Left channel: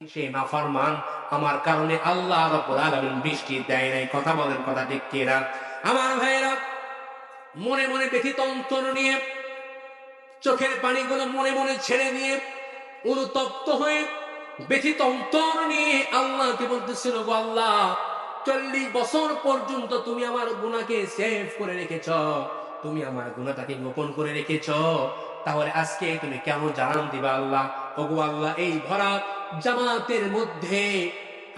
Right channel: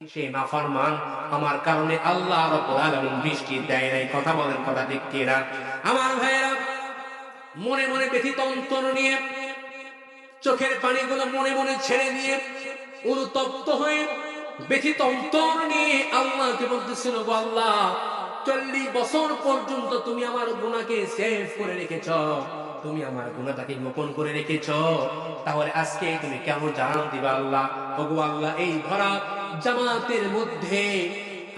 সে নাফরমান আমার কারণে আল্লাহ রাব্বুল আলামিন বৃষ্টি দেয় নাই। কথা বলেন, কথা ঠিক কিনা? আমার মনে মনে ব্যথিত অন্তর নিয়ে, চোখের পানিগুলো মনে মনে ছেড়ে দিয়ে, অনুতপ্ত হয়ে, ব্যথিত অন্তর নিয়ে আল্লাহকে বলতেছিল, গো আল্লাহ, চল্লিশ বছর পর্যন্ত তুমি আমার গুণাকে সেভ করে রেখেছ। তুমি আমার গুণাটাকে গোপন করে রেখেছ। তাহলে আজকে তুমি কেমন জানান দিবা আল্লাহ? আল্লাহ এই ভরা জামাতের মধ্যে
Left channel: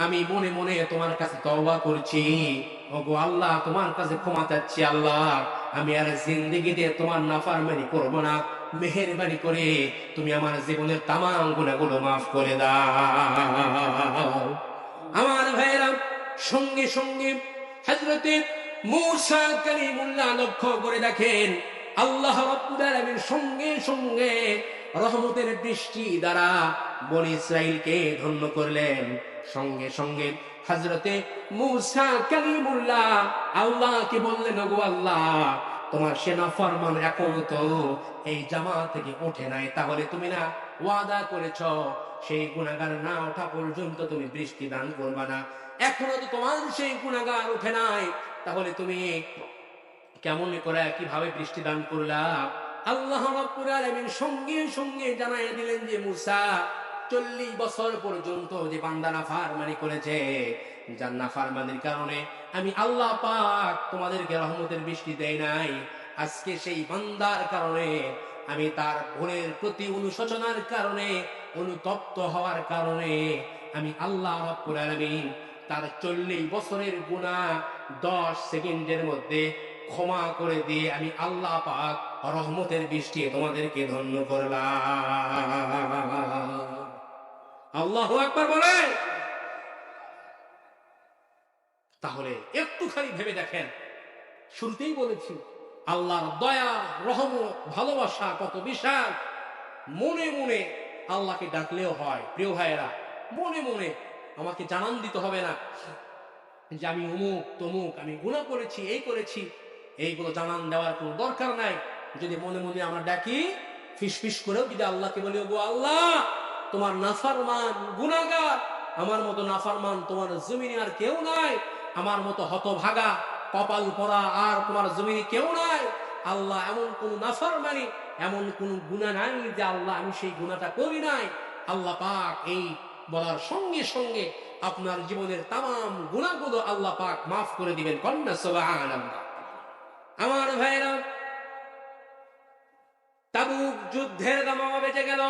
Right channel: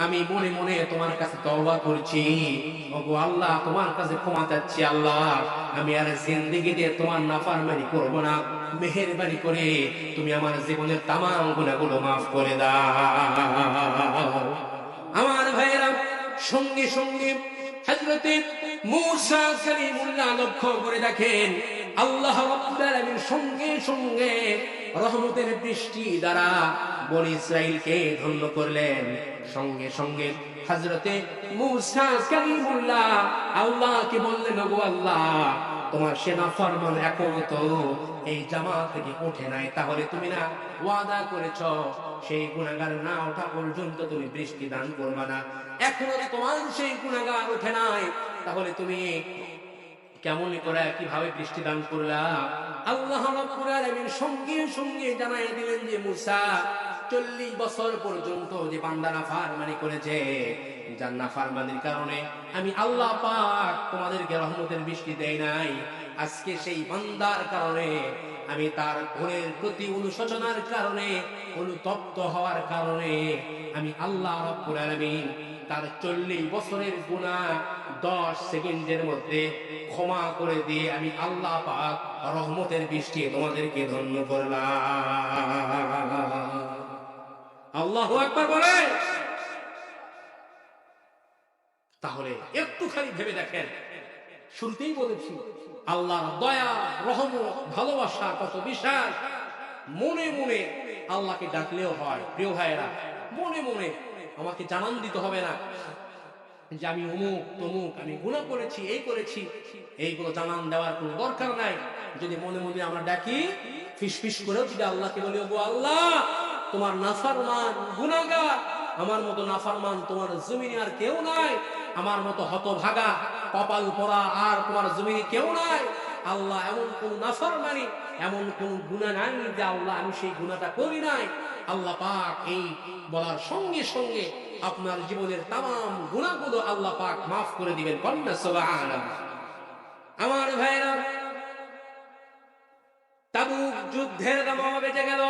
আমি মনে মনে তোমার কাছে তওবা করছি। ওগো আল্লাহ, তোমার কাছে ক্ষমা চাচ্ছি আল্লাহ। আমি আর জিন্দিগিতে তোমার নাফারমানি করব না। মেহেরবানি করে তুমি আমার জীবনের তামাম গুণাগুলো মাফ করে দাও। আমার ভাইয়েরা, সঙ্গে সঙ্গে হজরতে মূসা কালিমুল্লাহ লক্ষ্য করে দেখেন, আল্লাহ রাব্বুল আলামিন সঙ্গে সঙ্গে রহমতের বৃষ্টি দ্বারা বনি ইসরাইলকে ধন্য করলেন। সঙ্গে সঙ্গে হজরতে আল্লাহকে বললেন, ওগো আল্লাহ, তোমার সেনা ফরমান এখন তো এই জামা থেকে ওঠে নাই। তাহলে তুমি না ওয়াদা করেছ, সেই গুণাগার না ওঠা পর্যন্ত তুমি বৃষ্টি দান করবা না। এখনও যদি তোমার সেই গুণাগার ওঠে নাই। তাহলে তুমি কেমন করে, কীভাবে বৃষ্টি দান করলা? আল্লাহ সঙ্গে সঙ্গে জানাই দিলেন যে মুসা, চল্লিশ বছর পর্যন্ত যে বান্দানা ফারমানি করেছে জান্না ফারমানির কারণে আমি আল্লাহ পাক তোমাদেরকে রহমতের বৃষ্টি দেয় নাই। আজকে সেই বান্দার কারণে আমি তার ভুলের প্রতি অনুশোচনার কারণে, অনুতপ্ত হওয়ার কারণে আমি আল্লাহ রাব্বুল আলামিন তার চল্লিশ বছরের গুণা দশ সেকেন্ডের মধ্যে ক্ষমা করে দিয়ে আমি আল্লাহ পাক রহমতের বৃষ্টি তোমাদেরকে ধন্য করলাম। আল্লাহ একবার বলে তাহলে একটুখানি ভেবে দেখেন। শুরুতেই বলেছি, আল্লাহর দয়া, রহমত, ভালোবাসা কত বিশাল। মনে মনে আল্লাহকে ডাকলেও হয়, প্রিয় ভাইয়েরা, মনে মনে আমাকে জানান দিতে হবে না যে আমি অমুক, তমুক, আমি গুণা করেছি, এই করেছি। এইগুলো জানান দেওয়ার কোনো দরকার নাই। যদি মনে মনে আমরা ডাকি ফিস করেও যদি আল্লাহকে বলি, ওগো আল্লাহ, তোমার নাফারমান গুনাগার আমার মতো নাফারমান তোমার জমিনে আর কেউ নাই, আমার মতো হতভাগা, কপাল পরা আর তোমার জমিনে কেউ নাই, আল্লাহ এমন কোন নাফারমানি, এমন কোন গুণা নাই যে আল্লাহ আমি সেই গুণাটা করি নাই। আল্লাহ পাক এই বলার সঙ্গে সঙ্গে আপনার জীবনের তাম গুণাগুলো আল্লাহ পাক মাফ করে দিবেন। কন্যা সুবহানাল্লাহ। আমার ভাইরা তাবুক যুদ্ধের দামামা বেঁচে গেল।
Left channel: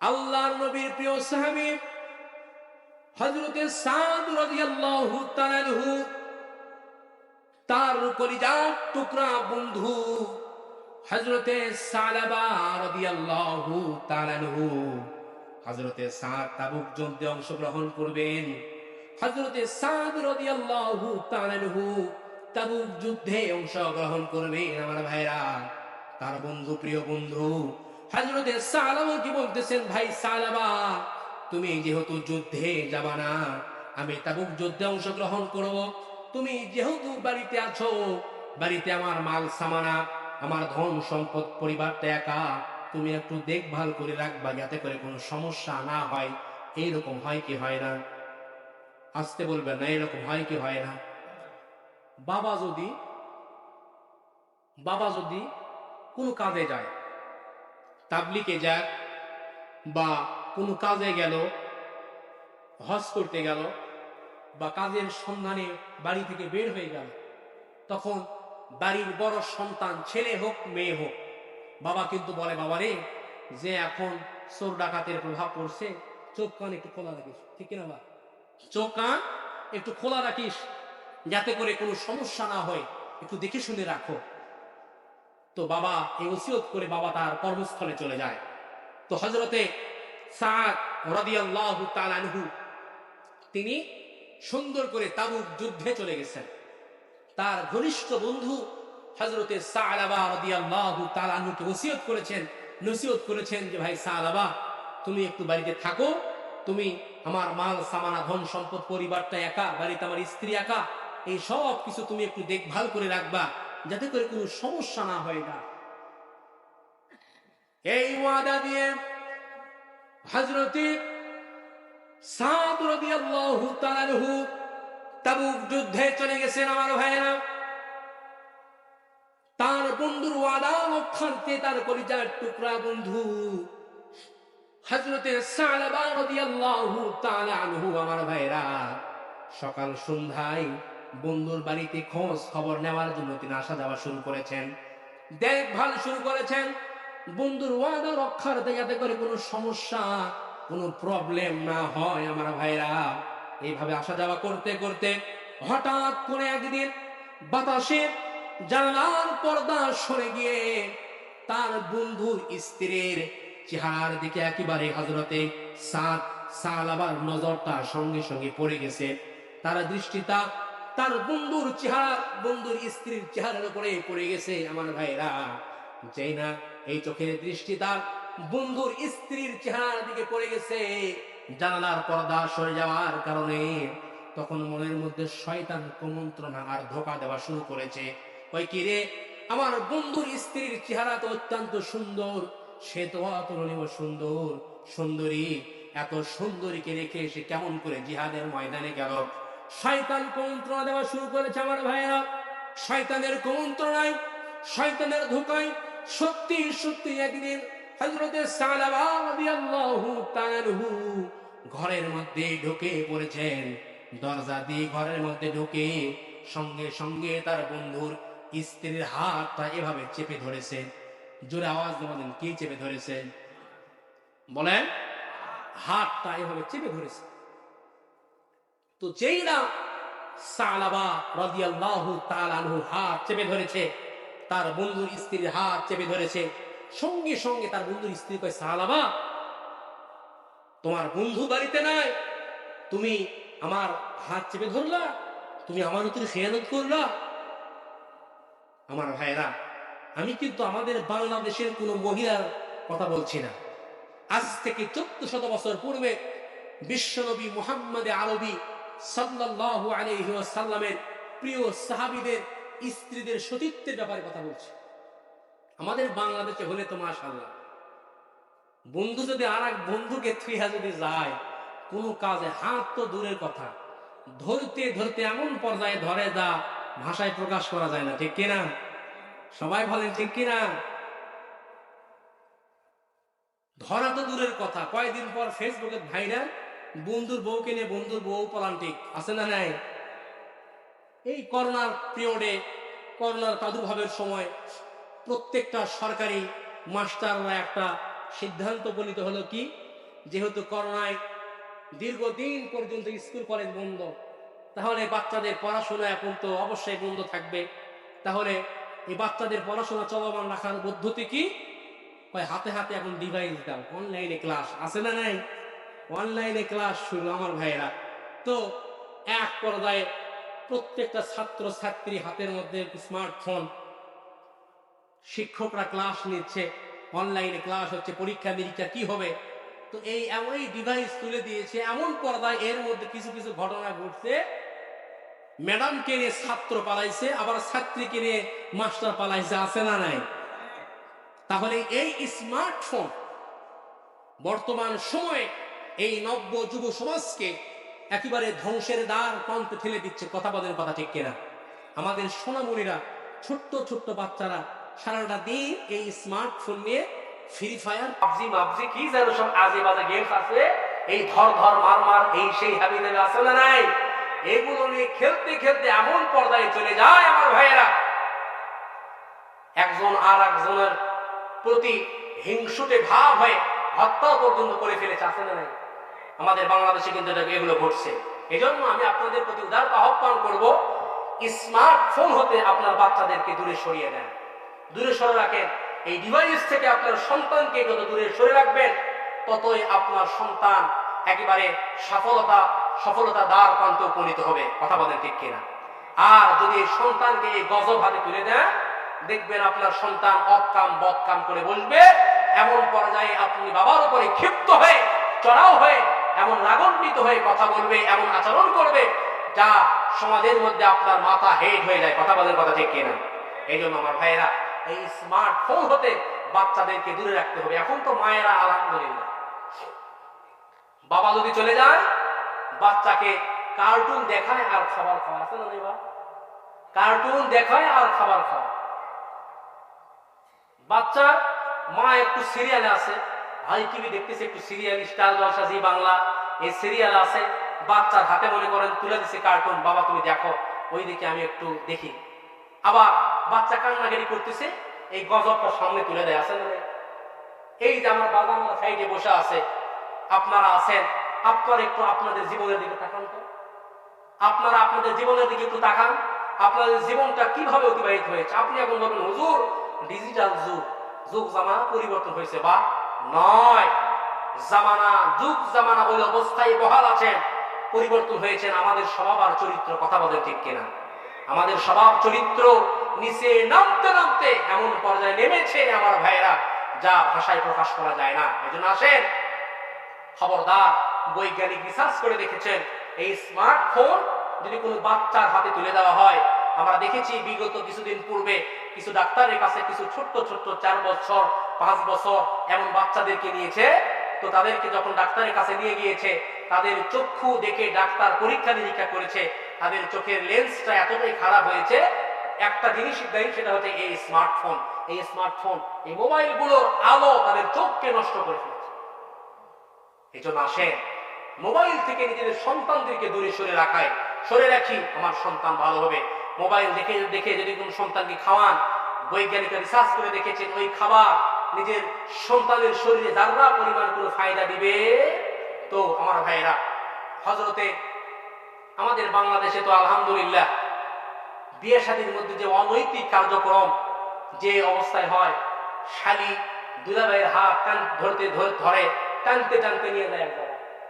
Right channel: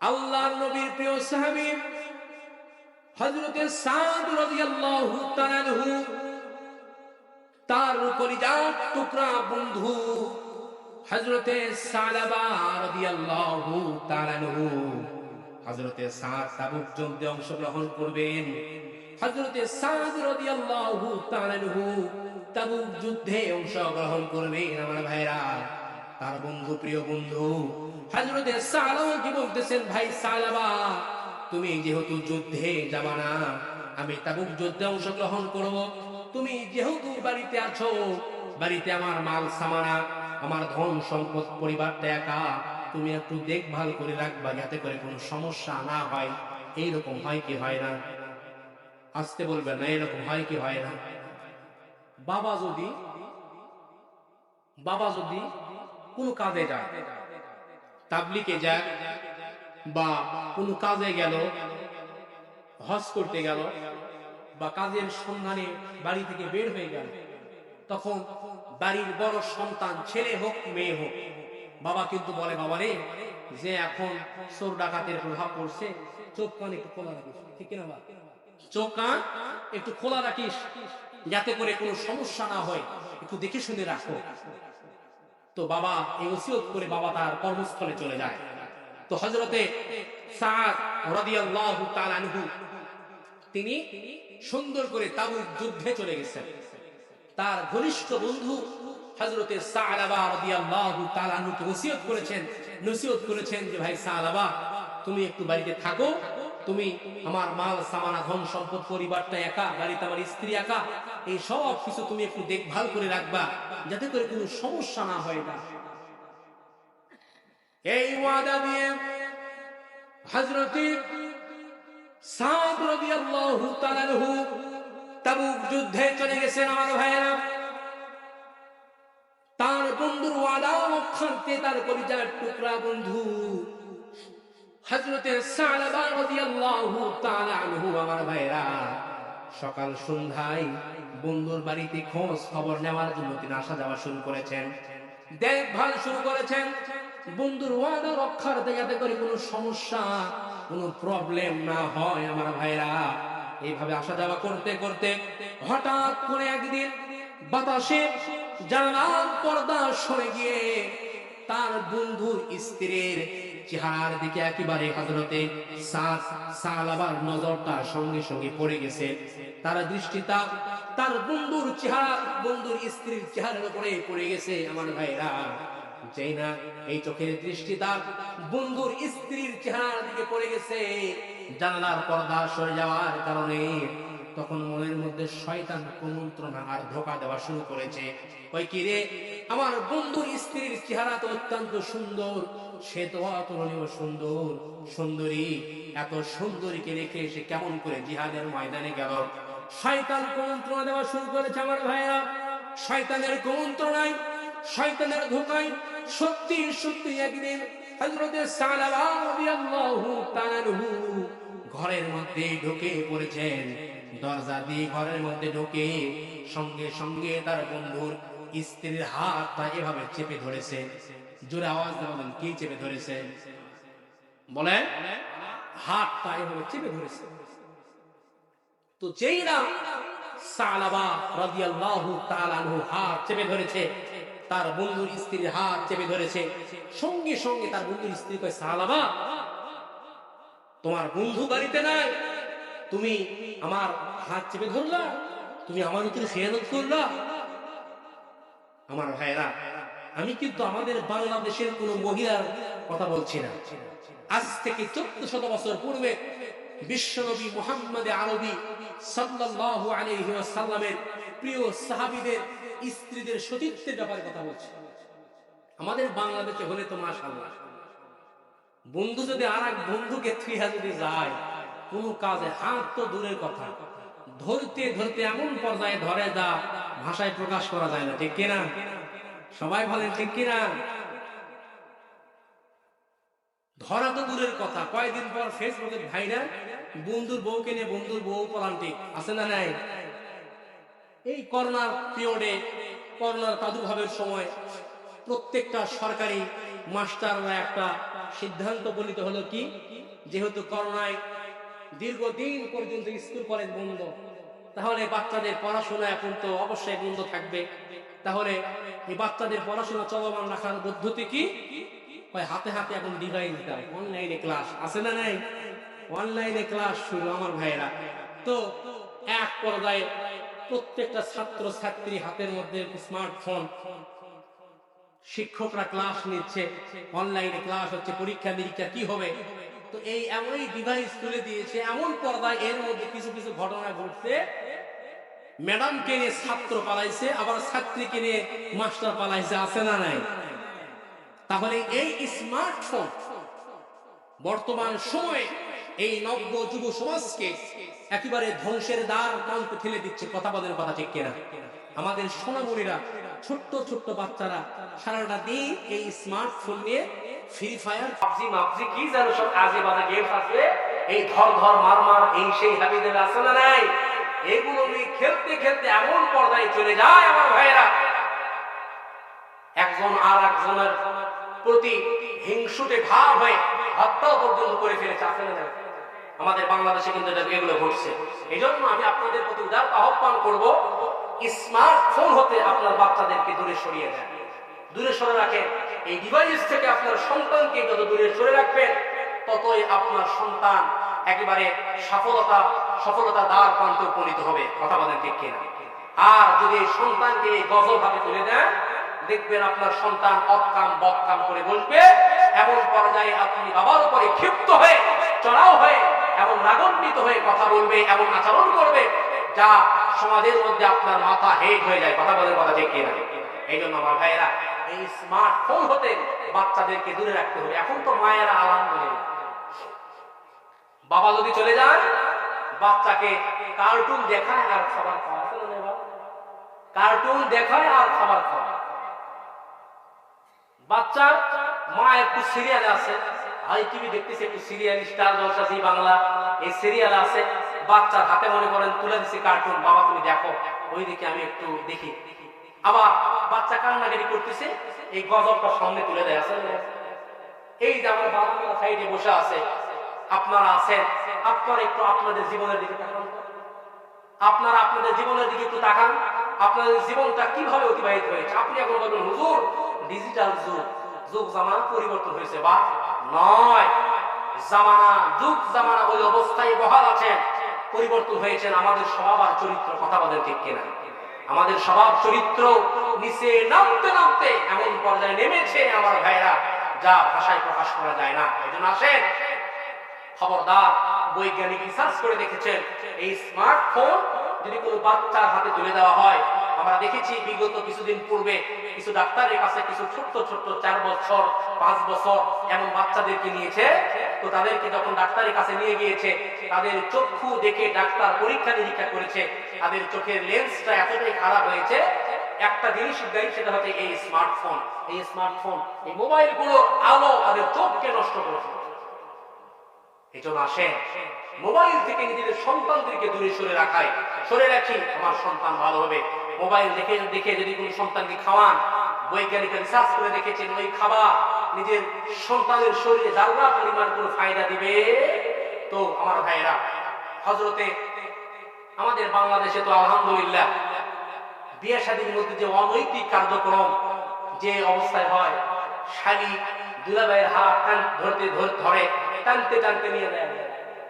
আল্লাহর নবীর প্রিয় সাহাবী হযরতে সাদ তার কলিজার টুকরা বন্ধু তাআলা হযরতে সাদ তাবুক যুদ্ধে অংশগ্রহণ করবেন। হযরতে সাদ রাদিয়াল্লাহু তাআলা তাবুক যুদ্ধে অংশগ্রহণ করবেন আমার ভাইরা। তার বন্ধু, প্রিয় বন্ধু সালাবা কি বলতেছেন? ভাই সালাবা তুমি যেহেতু যুদ্ধে যাবা না, আমি তাবুক যুদ্ধে অংশগ্রহণ করব। তুমি যেহেতু বাড়িতে আছো, বাড়িতে আমার মাল, সামানা, আমার ধন, সম্পদ, পরিবারটা একা, তুমি একটু দেখভাল করে রাখবা যাতে করে কোনো সমস্যা না হয়। এইরকম হয় কি হয় না? আসতে বলবে না, এরকম হয় কি হয় না? বাবা যদি বাবা যদি কোনো কাজে যায়, তাবলিকে যাক বা কোনো কাজে গেল, হজ করতে গেল বা কাজের সন্ধানে বাড়ি থেকে বের হয়ে গেল, তখন বাড়ির বড় সন্তান ছেলে হোক, মেয়ে হোক, বাবা কিন্তু বলে, বাবা রে, যে এখন চোর ডাকাতের প্রভাব পড়ছে, চোখ কান একটু খোলা রাখিস। ঠিক কিনা বা চোখ কান একটু খোলা রাখিস। যাতে করে কোনো সমস্যা না হয়, একটু দেখে শুনে রাখো। তো বাবা এই ওসিয়ত করে বাবা তার কর্মস্থলে চলে যায়। তো হজরতে তিনি সুন্দর করে তাবুক যুদ্ধে চলে গেছেন। তার ঘনিষ্ঠ বন্ধু হজরতে আনহুকে ওসিয়ত করেছেন, নসিহত করেছেন যে, ভাই সালাবা তুমি একটু বাড়িতে থাকো। তুমি আমার মাল, সামানা ধন সম্পদ পরিবারটা একা, বাড়িতে আমার স্ত্রী একা। এই সব কিছু তুমি একটু দেখভাল করে রাখবা, যাতে করে কোনো সমস্যা না হয় না এই ওয়াদা দিয়ে আমার তার বন্ধুর ওয়াদা তার টুকরা বন্ধু আমার সকাল সন্ধ্যায় বন্ধুর বাড়িতে খোঁজ খবর নেওয়ার জন্য তিনি আসা যাওয়া শুরু করেছেন। দেখভাল শুরু করেছেন। বন্ধুর ওয়াদা রক্ষার যাতে করে কোনো সমস্যা, কোনো প্রবলেম না হয় আমার ভাইরা। এইভাবে আসা যাওয়া করতে করতে হঠাৎ করে একদিন বাতাসে জানালার পর্দা সরে গিয়ে তার বন্ধুর স্ত্রীর চেহারার দিকে একেবারে হজরতে সাত সালাবার নজরটা সঙ্গে সঙ্গে পড়ে গেছে। তারা দৃষ্টিটা তার বন্ধুর চেহারা, বন্ধুর স্ত্রীর চেহারার উপরে পড়ে গেছে আমার ভাইরা যেই না, এই চোখের দৃষ্টি তার বন্ধুর স্ত্রীর চেহারার দিকে পড়ে গেছে। জানালার পর্দা সরে যাওয়ার কারণে তখন মনের মধ্যে শয়তান কুমন্ত্রণা আর ধোকা দেওয়া শুরু করেছে। ওই কি রে? আমার বন্ধুর স্ত্রীর চেহারা তো অত্যন্ত সুন্দর। সে তো অতুলনীয় সুন্দর। সুন্দরী, এত সুন্দরীকে রেখে সে কেমন করে জিহাদের ময়দানে গেল? শয়তান কুমন্ত্রণা দেওয়া শুরু করেছে আমার ভাইয়েরা। শয়তানের কুমন্ত্রণায়, শয়তানের ধোকায় সত্যি সত্যি একদিন তাআলা ঘরের মধ্যে ঢুকে পড়েছেন। দরজা দিয়ে ঘরের মধ্যে ঢুকে সঙ্গে সঙ্গে তার বন্ধুর স্ত্রীর হাতটা এভাবে চেপে ধরেছে। জোরে আওয়াজ দিয়ে বলেন, কি চেপে ধরেছে? বলেন, হাতটা এভাবে চেপে ধরেছে। তো যেই না সালাবা রাদিয়াল্লাহু তাআলা আনহু হাত চেপে ধরেছে, তার বন্ধুর স্ত্রীর হাত চেপে ধরেছে, সঙ্গে সঙ্গে তার বন্ধুর স্ত্রী কয়, সালাবা, তোমার বন্ধু বাড়িতে নাই, তুমি আমার হাত চেপে ধরলা, তুমি আমার উপরে খেয়ানত করলা। আমার ভাইরা আমি কিন্তু আমাদের বাংলাদেশের কোন মহিলার কথা বলছি না। আজ থেকে চোদ্দ শত বছর পূর্বে বিশ্বনবী মোহাম্মদ আরবি সাল্লাল্লাহু আলাইহি ওয়াসাল্লামের প্রিয় সাহাবীদের, স্ত্রীদের সতীত্বের ব্যাপারে কথা বলছি। আমাদের বাংলাদেশে হলে তো মাশাআল্লাহ। বন্ধু যদি আর এক বন্ধুকে থুইয়া যদি যায়, কোনো কাজে হাত তো দূরের কথা। ধরতে ধরতে এমন পর্যায়ে ধরে যা ভাষায় প্রকাশ করা যায় না, ঠিক কিনা? সবাই বলেন, ঠিক কিনা? ধরা তো দূরের কথা। কয়েকদিন পর ফেসবুকে ভাইরাল বন্ধুর বউকে নিয়ে বন্ধুর বউ পলান্টিক আছে না নাই? এই করোনার পিরিয়ডে করোনার প্রাদুর্ভাবের সময় প্রত্যেকটা সরকারি মাস্টাররা একটা সিদ্ধান্ত উপনীত হলো কি? যেহেতু করোনায় দীর্ঘদিন পর্যন্ত স্কুল, কলেজ বন্ধ, তাহলে বাচ্চাদের পড়াশোনা এখন তো অবশ্যই বন্ধ থাকবে। তাহলে এই বাচ্চাদের পড়াশোনা চলমান রাখার পদ্ধতি কি? হাতে হাতে এখন ডিভাইস দাও অনলাইনে ক্লাস আছে না নাই? অনলাইনে ক্লাস শুরু, আমার ভাইয়েরা। তো এক পর্যায়ে প্রত্যেকটা ছাত্র ছাত্রী হাতের মধ্যে স্মার্টফোন শিক্ষকরা ক্লাস নিচ্ছে অনলাইনে ক্লাস হচ্ছে, পরীক্ষা নিরীক্ষা কি হবে? তো এই এমনই ডিভাইস তুলে দিয়েছে, এমন পর্দায় এর মধ্যে কিছু কিছু ঘটনা ঘটছে। ম্যাডামকে নিয়ে ছাত্র পালাইছে, আবার ছাত্রীকে নিয়ে মাস্টার পালাইছে, আছে না নাই? তাহলে এই স্মার্টফোন বর্তমান সময়ে এই নব্য যুব সমাজকে একেবারে ধ্বংসের দ্বার প্রান্তে ঠেলে দিচ্ছে কথা বলেন কথা ঠিক কিনা? আমাদের সোনামণিরা, ছোট্ট ছোট্ট বাচ্চারা সারাটা দিন এই স্মার্টফোন নিয়ে ফ্রি ফায়ার পাবজি মাবজি কি যেন সব আজে বাজে গেমস আছে। এই ধর ধর মার মার, এই সেই হাবি দেবে আছে না নাই? এগুলো নিয়ে খেলতে খেলতে এমন পর্দায় চলে যায় আমার ভাইয়েরা। একজন আর একজনের প্রতি হিংসুটে ভাব হয়ে হত্যা পর্যন্ত করে ফেলেছে, আছে না নাই? আমাদের বাংলাদেশে কিন্তু এগুলো ঘটছে। এই জন্য আমি আপনাদের প্রতি উদারতা আহ্বান করব, স্মার্টফোন হতে আপনার বাচ্চাদেরকে দূরে সরিয়ে দেন। দূরে সরে রাখেন। এই ডিভাইস থেকে আপনার সন্তানকে যত দূরে সরে রাখবেন, ততই আপনার সন্তান একেবারে সফলতা সফলতা দ্বার প্রান্তে উপনীত হবে। কথা বলেন ঠিক কিনা? আর যদি এই সন্তানকে এই গজব হাতে তুলে দেন, দেখবেন আপনার সন্তান অকাম বদকাম করে বসবে। এমন পর্যায়ে আপনি বাবার উপরে ক্ষিপ্ত হয়ে, চড়াও হয়ে এমন রাগান্বিত হয়ে কথা বলবে, এমন আচরণ করবে, যা সমাজের মধ্যে আপনার মাথা হেড হয়ে যায়। কথা বলার কথা ঠিক কিনা এই জন্য আমার ভাইয়েরা, এই স্মার্টফোন হতে বাচ্চাদেরকে দূরে রাখতে হবে। এখন তো মায়েরা আলহামদুলিল্লাহ। বাবা যদি চলে যায় বাচ্চাকে কার্টুন দেখায় আর খাবার খাওয়া। আছে না কার্টুন দেখায় আর খাবার খাওয়া। বাচ্চার মা একটু সিরিয়ালে আছে। হাই টিভি দেখতেছে একটু serial Star Jalsha Zee Bangla. এই সিরিয়াল আছে, বাচ্চার হাতে মনে করেন তুলে দিছে কার্টুন বাবা, তুমি দেখো, ওই দিকে আমি একটু দেখি। আবার বাচ্চা কান্নাকাটি করতেছে, এই গজবটা সামনে তুলে দেয় আসেন এই যে আমার বাগানরা সাইডে বসে আছে, আপনারা আছেন, আপনারা একটু আপনাদের জীবনের দিকে তাকান আপনারা আপনাদের জীবনের দিকে একটু তাকান, আপনাদের জীবনটা কীভাবে অতিবাহিত হয়েছে? আপনি এখন বলবেন, হুজুর ডিজিটাল যুগ যুগ জামানা পরিবর্তন হয়েছে বা নয়। জামানা, যুগ জামানা ওই অবস্থায় বহাল আছেন। পরিবর্তন হয়েছেন আমাদের স্বভাব আর চরিত্র, কথা বলেন ঠিক কিনা? আমাদের স্বভাব, চরিত্র নিচে নামতে নামতে এমন পর্যায়ে নেমেছে আমার ভাইয়েরা, যা ভাষায় প্রকাশ করা যায় না। এই জন্য আসেন। খবরদার, বৈজ্ঞানিক রিসার্চ করে দেখেছেন। এই স্মার্টফোন যদি কোনো বাচ্চার হাতে তুলে দেওয়া হয় আমরা দেখেছি বিগত কিছুদিন পূর্বে কিছু ডাক্তারের কাছে কিছু ছোট্ট ছোট্ট চার বছর, পাঁচ বছর এমন বাচ্চাদেরকে নিয়েছে। তো তাদেরকে যখন ডাক্তারের কাছে নিয়ে গিয়েছে, তাদের চক্ষু দেখে ডাক্তার পরীক্ষা নিরীক্ষা করেছে। তাদের চোখের লেন্সটা এতটাই খারাপ হয়েছে। একটা জিনিস দেয় সেটা হচ্ছে এই স্মার্টফোন। এই স্মার্টফোন, এই মোবাইলগুলোর আলো তাদের চোখকে নষ্ট করে ফেলেছে। এই জন্য আসেন, মোবাইল থেকে নিজেদের সন্তানদেরকে দূরে সরে রাখায়। সরে রাখি, আমার সন্তান ভালো হবে। মোবাইল দেখে দেখে যদি কোনো সন্তানকে খাওয়ান বৈজ্ঞানিক রিসার্চ করে দেখেছেন, ওই খাবার নিজের সন্তানের শরীরে যারা পরিমাণ কোনো ফায়দা দিবে, তো আমার ভাইয়েরা হজরতে আমাদের বাংলাদেশে তো আলহামদুলিল্লাহ বিয়ে শাদীর মধ্যে যে অনৈতিক কার্যক্রম যে অবস্থায় হয়, শালি দুলাভাইয়ের হাত টান ধরতে ধর- টানতে টানতে নিয়ে যায়।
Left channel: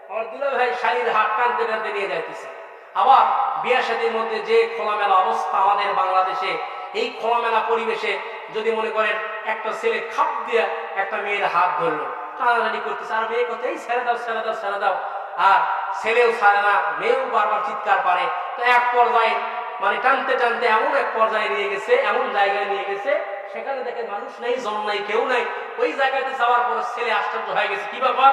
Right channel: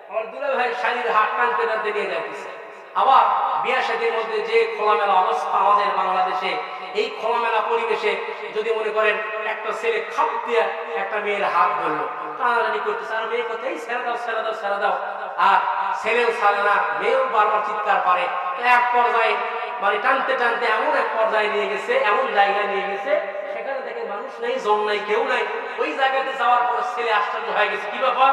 আমার দুলাভাই শালির হাত টানতে টানতে নিয়ে যাইতেছে আবার বিয়ে মধ্যে যে খোলামেলা অবস্থা আমাদের বাংলাদেশে, এই খোলামেলা পরিবেশে যদি মনে করেন, একটা ছেলে খাপ দিয়ে একটা মেয়ের হাত ধরলো, টানাটানি করতেছে, আর মেয়ে কোথায়? ছেড়ে দাও ছেড়ে দাও ছেড়ে দাও। আর ছেলেও ছাড়ে না, মেয়েও বারবার চিৎকার পারে। তো এক পর্যায়ে মানে টানতে টানতে এমন এক পর্যায়ে নিয়ে গেছে, এমন জায়গায় নিয়ে গেছে, সেখানে দেখে মানুষ নেই, জন নাই, কেউ নাই। ওই জায়গাতে যাওয়ার পর ছেলে আশ্চর্য হয়ে গেছে। কি ব্যাপার?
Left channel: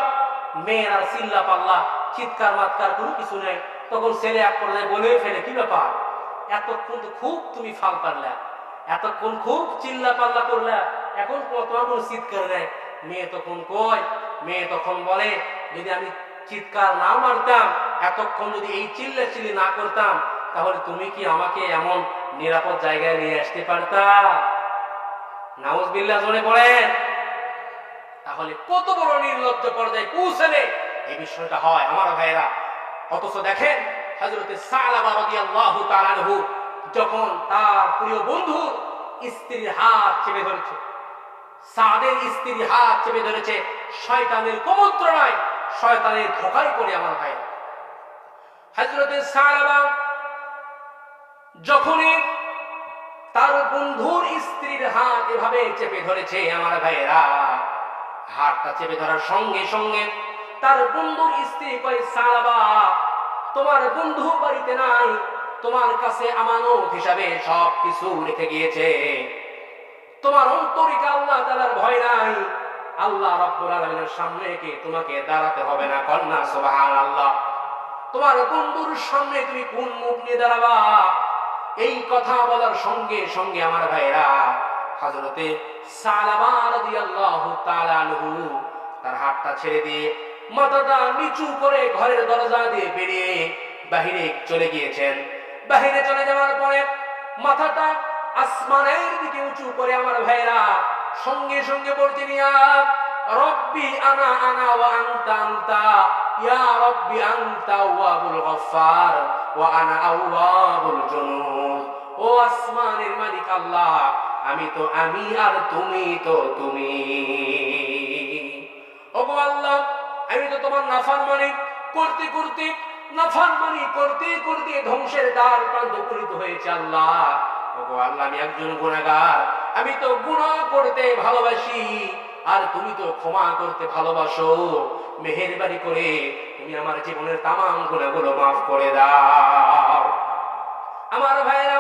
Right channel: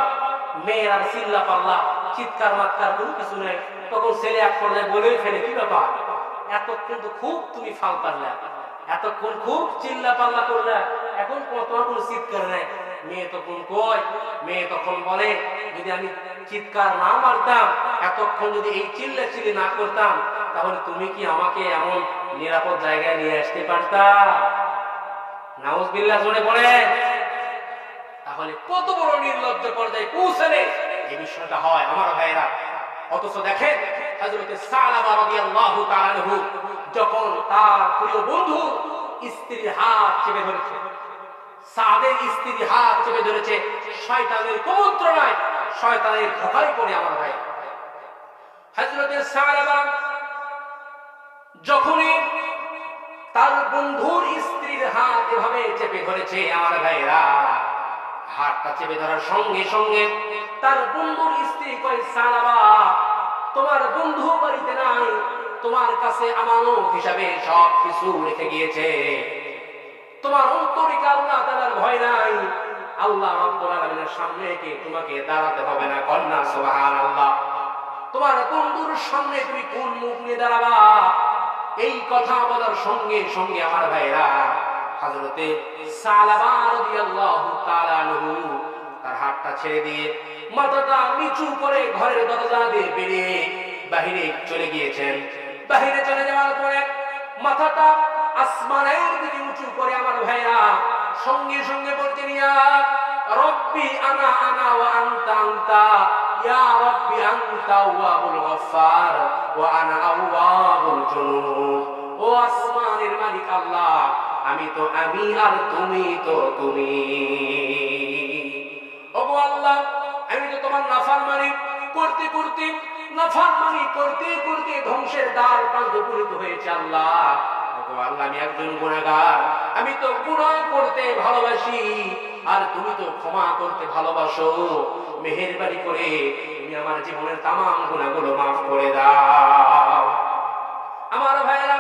মেয়ের আর চিল্লা পাল্লা চিৎকার মাৎকার কোনো কিছু নাই। তখন ছেলে এক পর্যায়ে বলেই ফেলে, কি ব্যাপার? এতক্ষণ তো খুব তুমি ফাল পারলা এতক্ষণ খুব চিল্লা পাল্লা করলা। এখন তোমার কোনো চিৎকার নাই। মেয়ে তখন কয়, মেয়ে তখন বলে, যদি আমি চিৎকার না মারতাম, এতক্ষণ যদি এই চিল্লা চিল্লি না করতাম, তাহলে তুমি কি আমাকে এমন নিরাপদ জায়গায় নিয়ে আসতে পারতা? নাউজ বিল্লাহ জোরে পড়েন তাহলে কত বড় নির্লজ্জ পর্যায়ে পৌঁছালে এই বিষয়টা হয় আমার ভাইয়েরা। অথচ দেখেন হজরতে সালাবা রাদিয়াল্লাহু তাআলা আনহু যখন তার প্রিয় বন্ধু স্ত্রীর হাত চেপে ধরেছে, সাদের স্ত্রীর হাত চেপে ধরেছে, শয়তানের কুমন্ত্রণায় শয়তানের ধোকায় পড়ে আমার ভাইয়েরা হজরতে সালাবা যখনই তার বন্ধুর স্ত্রীর হাত এভাবে চেপে ধরেছে আমার ভাইয়েরা, হাতটা চেপে ধরার সঙ্গে সঙ্গে তার বন্ধুর স্ত্রী কয় সারাবা তোমার বন্ধু বাড়িতে নাই, তোমার কাছে আমানত হিসাবে সব কিছু রেখে গিয়েছে। তোমার অন্তরিকা আল্লাহ তালার ভয় নাই। আল্লাহ রব্বুল আলমিনের সামনে কি তোমাকে দাঁড়াতে হবে না কন্যা? সোহান আল্লাহ তোমার বন্ধুর সামনে তুমি কোন মুখ নিয়ে দাঁড়াবা? এই কথা বলার সঙ্গে সঙ্গে আমার ভাইরা হজরতে সালাবা রাদিয়াল্লাহু তাআলা আনহু, তার হাতটা ছেড়ে দিয়ে মাথাটা নিচু করে ঘরের দরজা দিয়ে বেরিয়ে বাহিরে চলে গিয়েছেন। বাহিরে চলে যাওয়ার পরে মাথাটা আসমানের দিকে উঁচু করে আমার ভাইরা সঙ্গে সঙ্গে পড়তে নিয়া রব্বি আনা আনা ইয়া রব্বি আনতা ওয়া আনা ও আসমানের মালিক আল্লাহ, আমি তো আমি আর তুমি তো তুমি। ওগো আল্লাহ আমি তো তোমার নাফরমানি করতে করতে নাফরমানি করতে করতে ধ্বংসের দ্বার প্রান্ত উপনীত হয়েছে আল্লাহ। আল্লাহ, আমি একজন গুণাগার আমি তো গুনাহ করতে ভালোবাসি। আর তুমি তো ক্ষমা করতে ভালোবাসো। মেহেরবানি করে তুমি আমার জীবনের তামাম গুণাগুলো মাফ করে দাও। আমার ভাইয়েরা,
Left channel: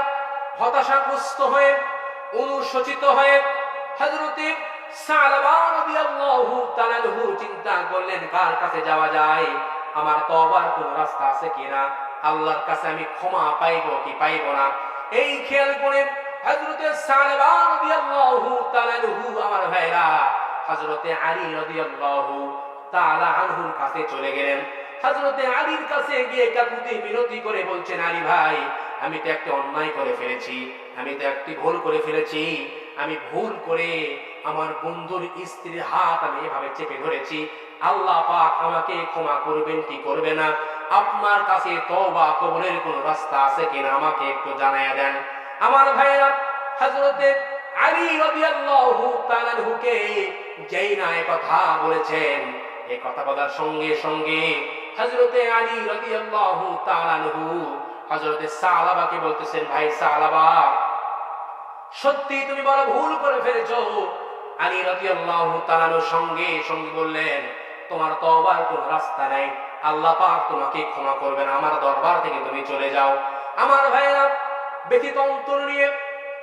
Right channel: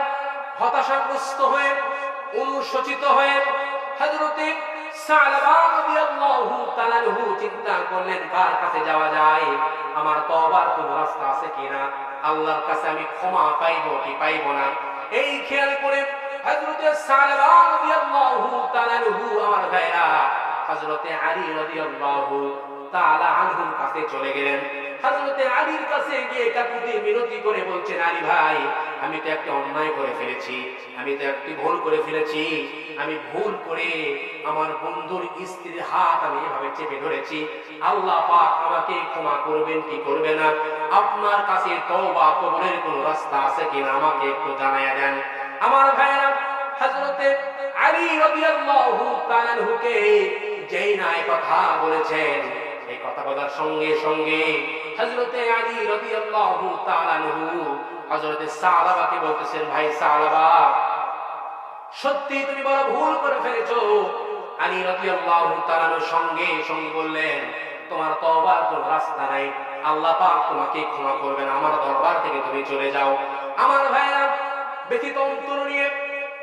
হতাশাগ্রস্ত হয়ে, অনুশোচিত হয়ে, হযরতে চিন্তা করলেন, কার কাছে যাওয়া যায়? আমার তবার কোন রাস্তা আছে কিনা? আল্লাহর কাছে আমি ক্ষমা পাইব কি পাইব না? এই খেয়াল করে হজরতে আমার ভাইরা, হযরতে আলী রাদিয়াল্লাহু তাআলা আনহুর কাছে চলে গেলেন। হযরতে আলীর কাছে গিয়ে কাকুতি মিনতি করে বলছেন, আলী ভাই, আমি তো একটা অন্যায় করে ফেলেছি, আমি তো একটি ভুল করে ফেলেছি, আমি ভুল করে আমার বন্ধুর স্ত্রীর হাত আমি এভাবে চেপে ধরেছি। আল্লাহ পাক আমাকে ক্ষমা করবেন, কি করবে না? আপনার কাছে তওবা কবরের কোন রাস্তা আছে কিনা আমাকে একটু জানাইয়া দেন। আমার ভাইরা হযরতে আলী রাদিয়াল্লাহু তাআলা আনহুকে যেই না কথা বলেছেন এই কথা বলার সঙ্গে সঙ্গে হযরতে আলী রাদিয়াল্লাহু তাআলা আনহু সালাবাকে বলতেছেন, ভাই সালাবা, সত্যি তুমি বড় ভুল করে ফেলেছো। আলী রাদিয়াল্লাহু তাআলার সঙ্গে সঙ্গে বললেন, তোমার তওবার কোন রাস্তা নাই। আল্লাহ পাক তোমাকে ক্ষমা করবে না আমার দরবার থেকে তুমি চলে যাও। আমার ভাইরা ব্যথিত অন্তর নিয়ে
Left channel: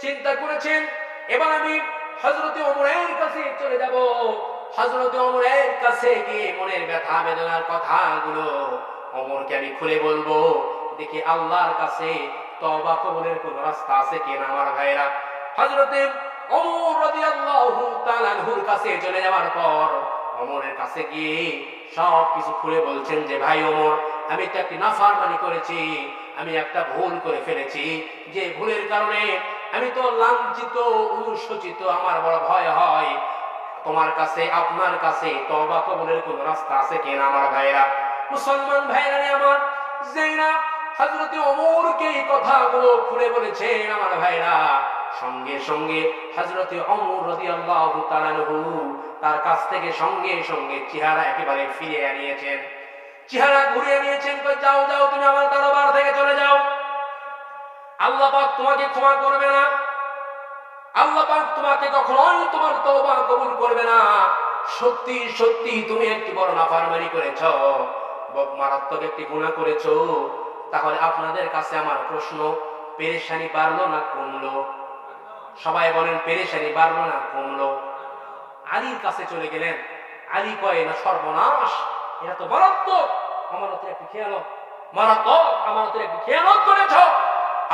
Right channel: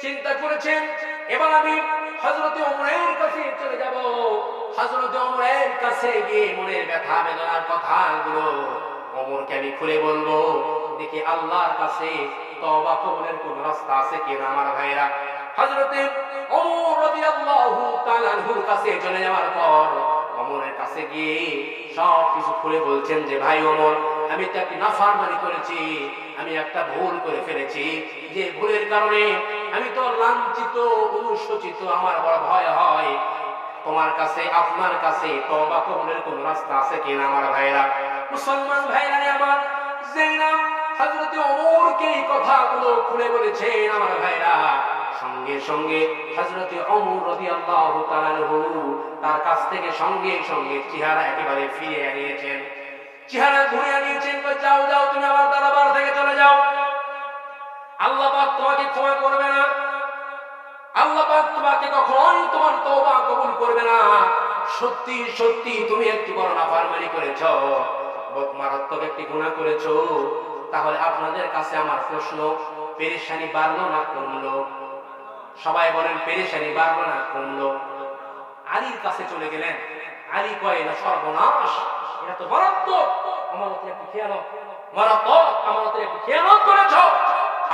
চিন্তা করেছেন, এবার আমি হজরতে ওমরের কাছে চলে যাব। হযরতে ওমরের কাছে গিয়ে মনের ব্যথা বেদনার কথাগুলো ওমরকে আমি খুলে বলব। দেখি আল্লাহর কাছে তওবা কবুলের কোন রাস্তা আছে কিনা আমার ভাইরা তাআলা আনহুর কাছে চলে যাওয়ার পর ওমরের কাছে গিয়ে সব কিছু খুলে বলছেন যে, ভাই ওমর, আমি তো একটি নাফরমানি করেছি, আমি একটা ভুল করে ফেলেছি। যে ভুলের কারণে আমি তো লাঞ্ছিত, অনুশোচিত, আমার বড় ভয় হয়। তোমার কাছে, আপনার কাছে তওবা কবুলের কোন রাস্তা আছে কিনা আমার ভাইরা মুসলমান ভাইরা রে আমার যেইনা হযরতে ওমরকে এই কথাগুলো খুলে বলেছেন আমার ভাইরা সঙ্গে সঙ্গে হযরতে ওমর রাদিয়াল্লাহু তাআলা আনহু তার কাছ থেকে সঙ্গে সঙ্গে চেহারা একেবারে ফিরে আনিয়েছেন। চেহারা ঘুরে আনিয়েছেন যাও যাও, তুমি আমার দরবার থেকে চলে যাও। আল্লাহ পাক তোমাকে ক্ষমা করবে না। আল্লাহ তোমাকে কখনোই তোমার তওবা কবুল করবে না। সত্যি সত্যি তুমি একটি বড় নাফরমানি করেছ মারাত্মক একটি গুণা করেছ। তাহলে আপনাদের কাছে আমার প্রশ্ন, পেরেশানি বাড়লো না কমলো? সবাই বলেন, পেরেশানি বাড়লো না কমলো? আলীর কাছে চলে গেলেন। আলী কয়, না, সর্বনাশ, এটা তো মারাত্মক, আমানতের একটি খেয়ানত, মারাত্মক, আমানতের একটি খেয়ানত করেছ।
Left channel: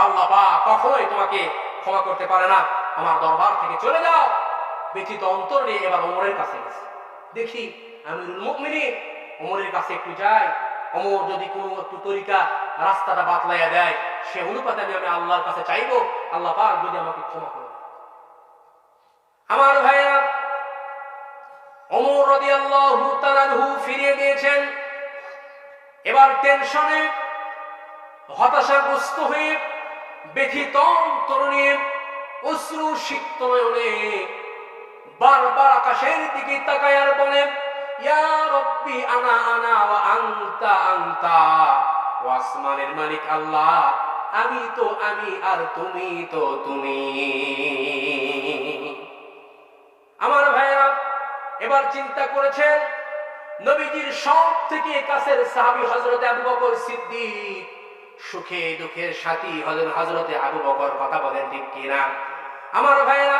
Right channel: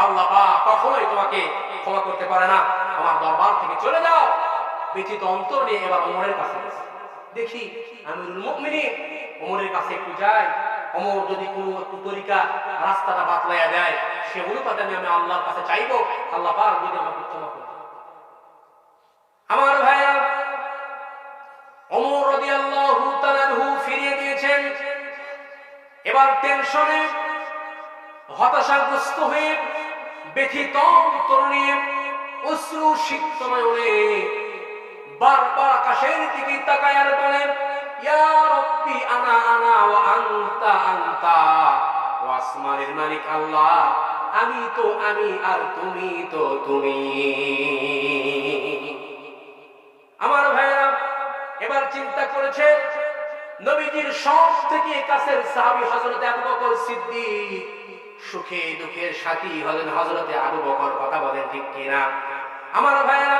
আল্লাহ কখনোই তোমাকে ক্ষমা করতে পারে না। আমার দরবার থেকে চলে যাও। ব্যথিত অন্তর নিয়ে এবার ওমরের কাছে গেছে। দেখি, আমিরুল মুমিনিন ওমরের কাছে একটু যাই অমর যদি কোনো একটু তরিকা রাস্তাটা বাতলাইয়া দেয়, সে অনুপাতে আমি আমি আল্লাহর কাছে চাইব। আল্লাহ পাক যদি আমাকে ক্ষমা করে আমার ভাইরা অমর রাদিয়াল্লাহু তাআলাহু ফিরিয়ে দিয়েছেন। এবার টেনশনে, হতাশাগ্রস্ত হয়ে ব্যথিত নিয়ে অশ্রু সিক্ত নয়নে বারবার আকাশের দিকে তাকায় আর বলেন ইয়া রব্বি, আনা আনা ওয়া আনতা আনতা। মালিক আল্লাহ, আমি তো, আমি আর তুমি তো, তুমি। আমার ভাইরা এবার চিন্তা করেছেন, নবীজির সব থেকে কাছের সাহাবী হযরতে আবু বকর সিদ্দিক সুখে দুঃখের সাথী হলেন হজরতে আবু বকর, কথা বলেন ঠিক কিনা? আমার ভাইরা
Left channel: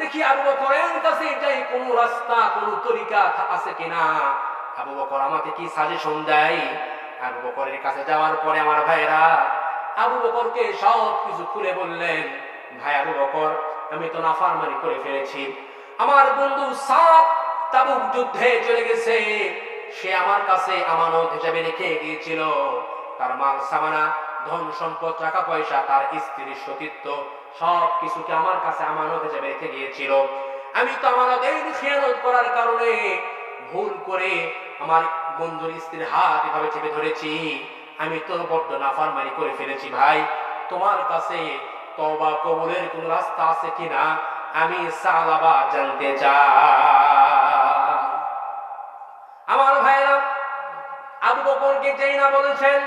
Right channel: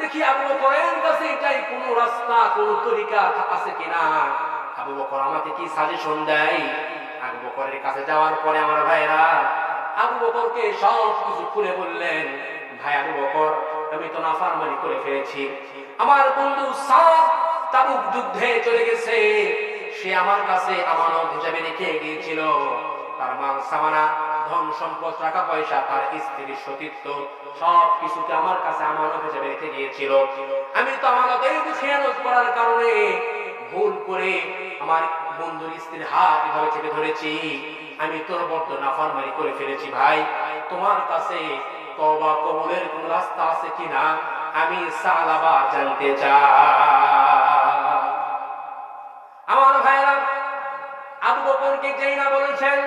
দেখি আবু বকরের কাছে যাই, কোন রাস্তা, কোন তরিকা আছে কিনা? আবু বকর আমাকে কি সাজেশন দেয়? আবু বকরের কাছে যাওয়ার পরে আমার ভাইরা আবু বকরকে সব কিছু খুলে বললেন, ভাই আবু বকর, আমি তো নাফারমানি করে ফেলেছি। আমার বন্ধু সাপ তাবুক যুদ্ধে চলে গেছে। সে আমার কাছে আমানত হিসাবে রেখে গিয়েছিল। তার মাল সামানা, ধন সম্পদ, টাকা পয়সা, তার স্ত্রীর সতীত্ব সব কিছুকে আমার কাছে আমানত হিসাবে রেখে গিয়েছিল। আমি তো আমানত এই খেয়ানত করার কারণে ভুল করে আমার বন্ধুর স্ত্রীর হাত এভাবে চেপে ধরেছি। আমি তো বড্ড নাফারমারি করে ফেলেছি ভাই। তোমার কাছে তবা কবুলের কোন রাস্তা আছে কিনা আমি সালাবা জানতে চাই। আমার ভাইরা আবু বকরকে যেই না বলেছেন,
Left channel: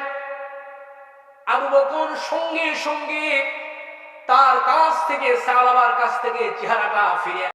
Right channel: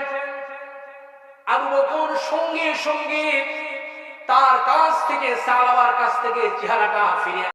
আবু বকর সঙ্গে সঙ্গে তার কাছ থেকে সালাবার কাছ থেকে চেহারাটা ফিরে